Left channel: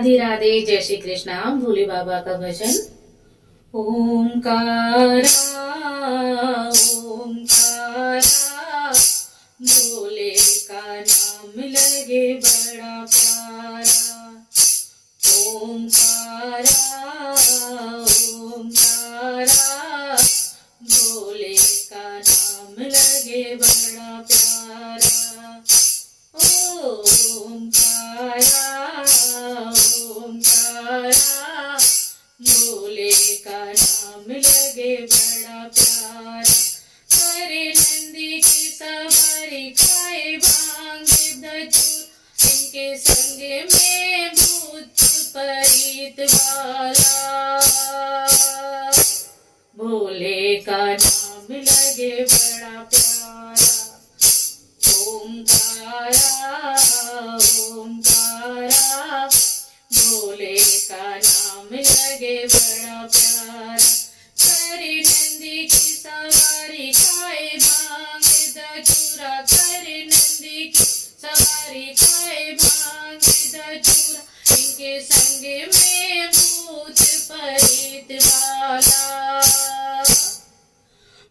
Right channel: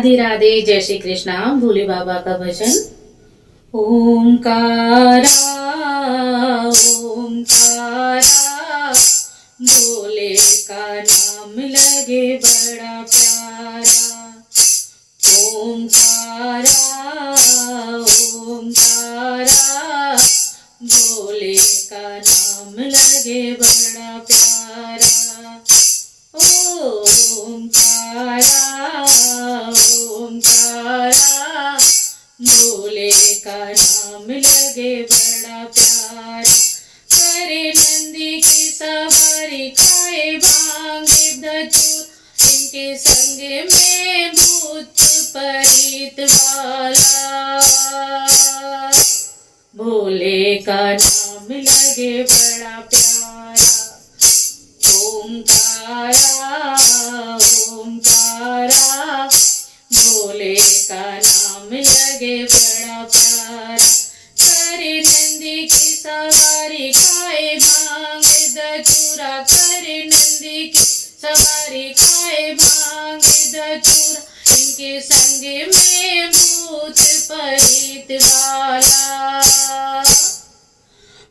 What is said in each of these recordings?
राधे राधे, जय श्री कृष्णा। भोले बाबा का भजन। ओंकारा ओंकारा, भोले का नाम लगे बड़ा प्यारा। ओंकारा ओंकारा, भोले का नाम लगे बड़ा प्यारा। ओंकारा ओंकारा, भोले का नाम लगे बड़ा प्यारा। करे नंदी की सवारी, खाए भांग धतूर, इनके संग में भूत परीत वाला। भोले का नाम लगे बड़ा प्यारा। ओंकारा ओंकारा, भोले का नाम लगे बड़ा प्यारा। करे नंदी की सवारी, खाए भांग धतूरा, करे नंदी की सवारी, खाए भांग धतूरा, इनके संग में भूत परीत वाला।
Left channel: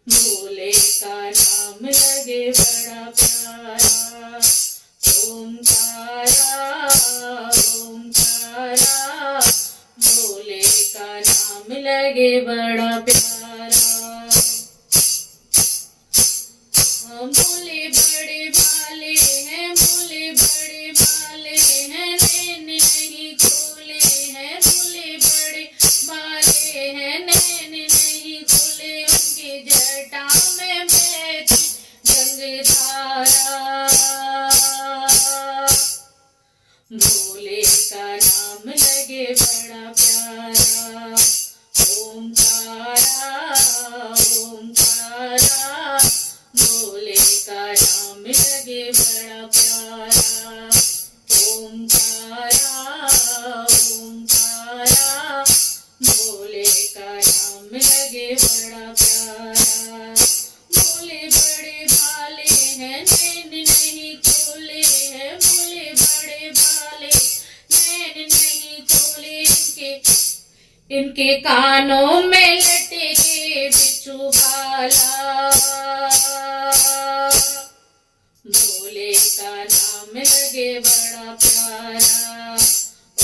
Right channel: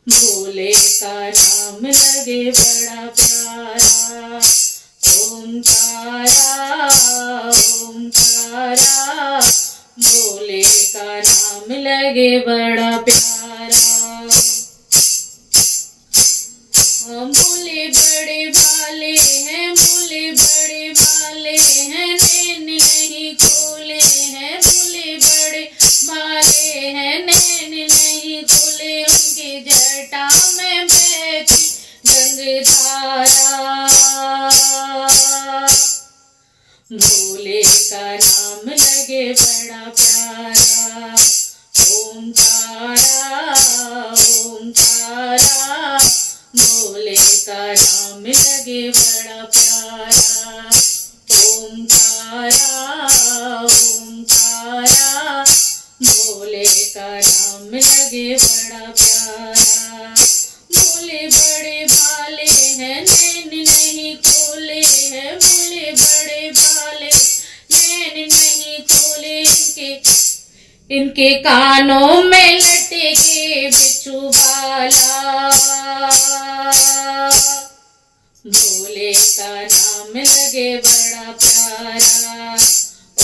भोले का नाम लगे बड़ा प्यारा। ओंकारा ओंकारा, भोले का नाम लगे बड़ा प्यारा। भोले बड़े भाले हैं, भोले बड़े भाले हैं, नैन नहीं खोले हैं। भोले बड़े भाले हैं, नैन नहीं खोले, उनके जटा में बहती गंगाधारा। भोले का नाम लगे बड़ा प्यारा। ओंकारा ओंकारा, भोले का नाम लगे बड़ा प्यारा। ओंकारा ओंकारा, भोले का नाम लगे बड़ा प्यारा। भोले बड़े भाले हैं, नैन नहीं खोले हैं। भोले बड़े भाले, नैन नहीं खोले, इनके कानों में लटके बिच्छू बाला। भोले का नाम लगे बड़ा प्यारा।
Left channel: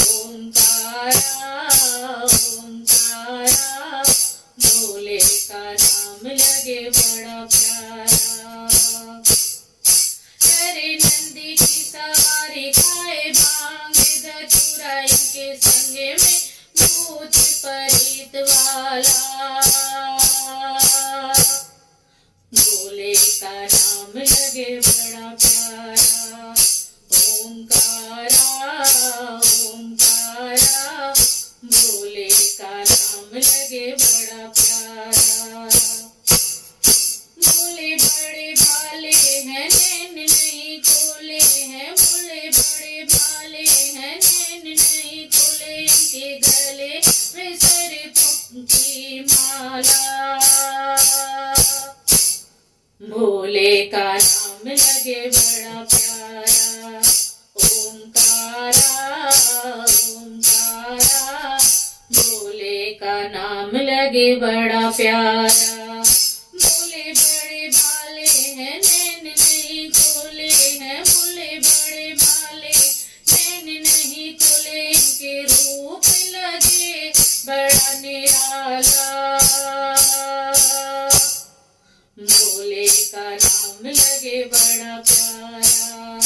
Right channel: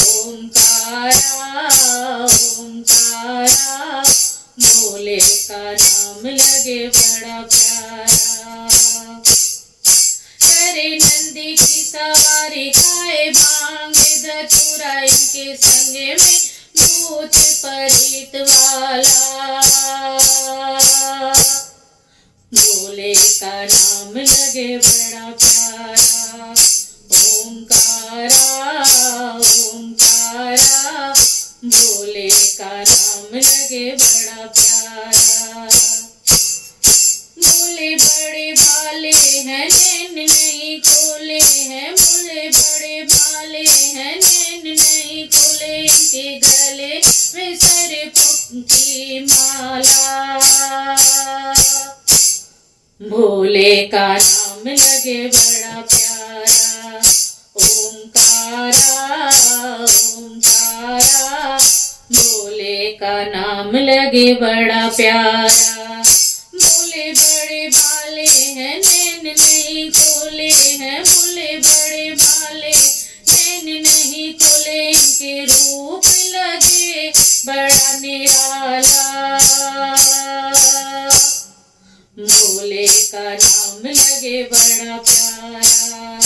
ओंकारा ओंकारा, भोले का नाम लगे बड़ा प्यारा। करे नंदी की सवारी, खाए भांग धतूरा, इनके संग में भूत परीत वाला। भोले का नाम लगे बड़ा प्यारा। ओंकारा ओंकारा, भोले का नाम लगे बड़ा प्यारा। भोले बड़े भाले हैं, नैन नहीं खोले हैं। भोले बड़े भाले हैं, नैन नहीं खोले, इनके गले में सरपों की माला। भोले का नाम लगे बड़ा प्यारा। ओंकारा ओंकारा, भोले का नाम लगे बड़ा प्यारा। भोले बड़े भाले हैं, नैन नहीं खोले हैं। भोले बड़े भाले, नैन नहीं खोले, इनके रूप लगे बड़ा निराला। भोले का नाम लगे बड़ा प्यारा।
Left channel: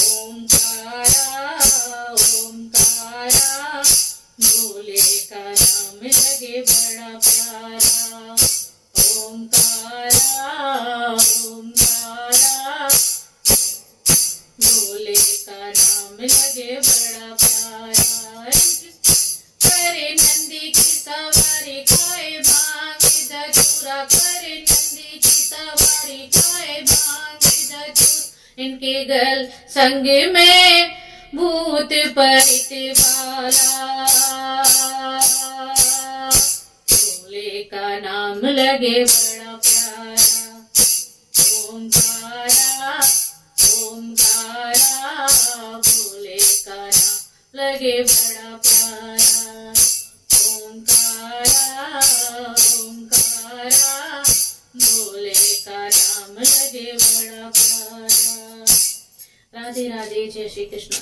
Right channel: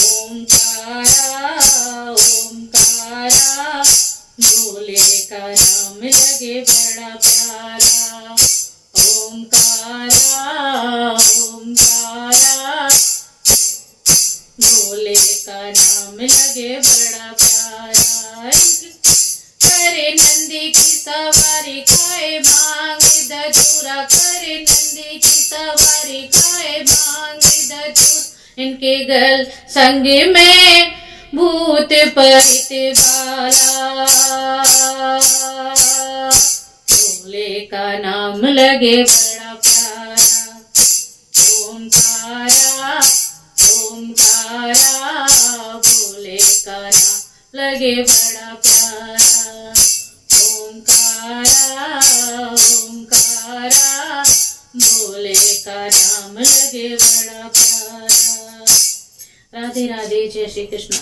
ओंकारा ओंकारा, भोले का नाम लगे बड़ा प्यारा। ओंकारा ओंकारा, भोले का नाम लगे बड़ा प्यारा। करे नंदी की सवारी, खाए भांग धतूरा, करे नंदी की सवारी, खाए भांग धतूरा, इनके गल संग में भूत परीत वाला। भोले का नाम लगे बड़ा प्यारा। ओंकारा ओंकारा, भोले का नाम लगे बड़ा प्यारा। ओंकारा ओंकारा भोले का नाम लगे बड़ा प्यारा। राधे राधे, जय श्री कृष्ण।